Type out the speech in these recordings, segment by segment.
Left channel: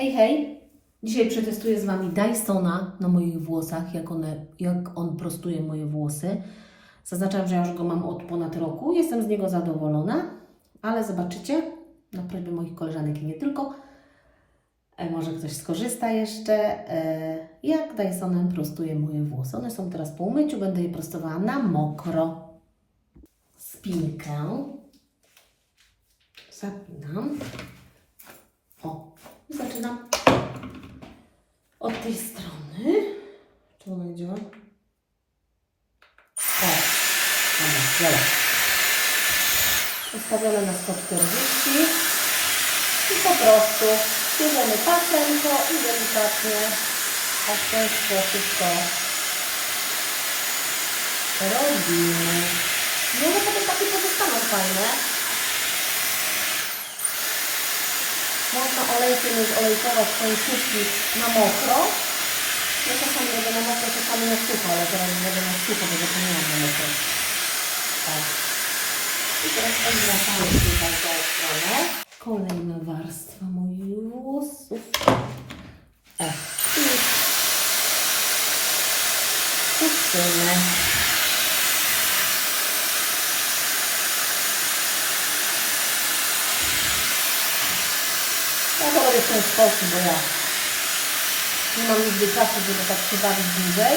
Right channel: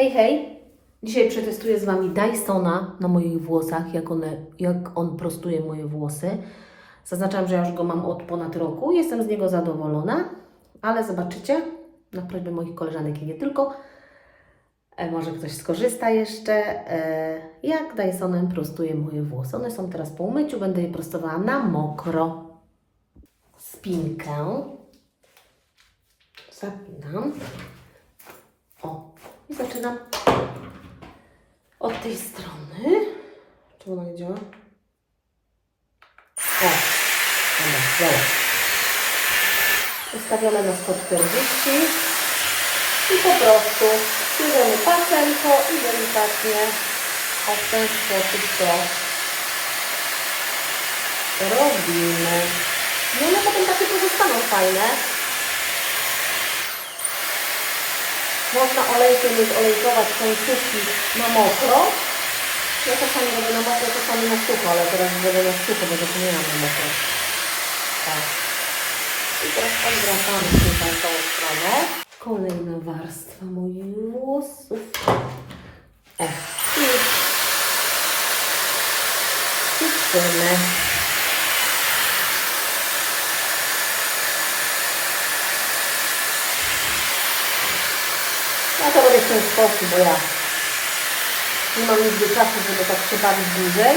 Hej, hej! Dzisiaj przetestuję z Wami Dysona na moich włosach, jak, one, jak on prostuje moje włosy. Zaznaczam, że ja już go mam od ponad roku. Jestem z niego zadowolona, ale zobaczycie, na prośbę moich koleżanek i nie tylko, e, może ktoś skorzysta jeszcze, e, jak Dysonem prostuje moje włosy. One są teraz po umyciu, będę je prostowała na mokro. Spinkę zapinam. Zaczynam od tej strony. Czemu ona nie działa? O, dobra, działa. Ustawione na 140 i po prostu bierzemy pasemko i delikatnie w ten sposób to robimy. I one potem takie pozostaną fajne. Można olejkiem już olejkować końcówki na mokro. Ja czasami robię na mokro, czasami na sucho, ale teraz zrobię na sucho, bo zapomniałam na mokro. Tak. I teraz odwracamy tutaj tą stronę. Kolejna warstwa moich włosów. O. I czyszczymy. Ja to robię w ten sposób, bo ja nie mam nigdy czasu, żeby tak się dłużej.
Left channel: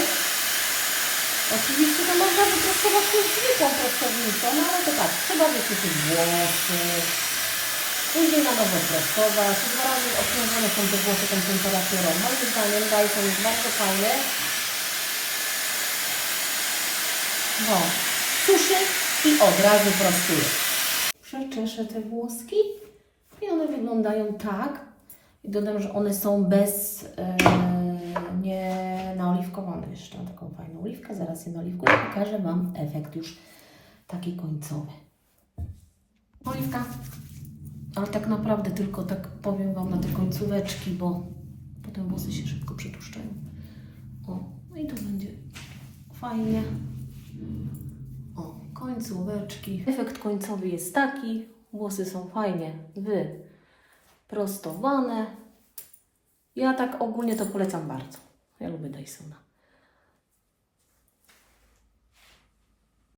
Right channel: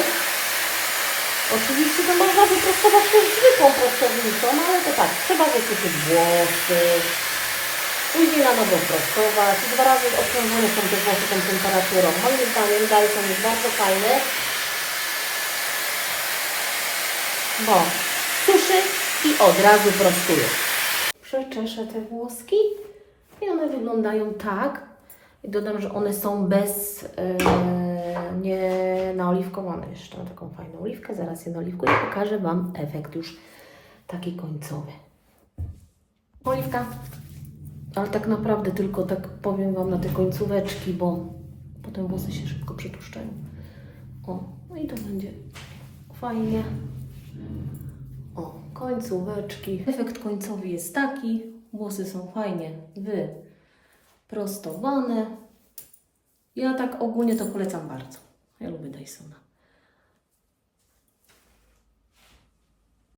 Oczywiście to można wyprostować też zwykłą prostownicą, no ale to tak, trzeba wysuszyć włosy, później na nowo prostować. Dwa razy obciążone są te włosy tą temperaturą. Moim zdaniem Dyson jest bardzo fajny, bo suszy i od razu prostuje. Przeczeszę te włoski i one wyglądają tak. I dodam, że one są bez, e, nie naoliwkowane. Jeszcze mam taką fajną oliwkę, zaraz je naoliwkuję i pokażę Wam efekt już taki końcowy. Oliwka, ale tak naprawdę tylko tak powiem Wam na te końcóweczki, bo potem włosy się szybko przetłuszczają. O, no i to będzie fajnie. O, końcóweczki. Efekt końcowy jest taki. Włosy są fajnie wyprostowane. Ja tak ogólnie to polecam bardzo. Ja lubię Dysona.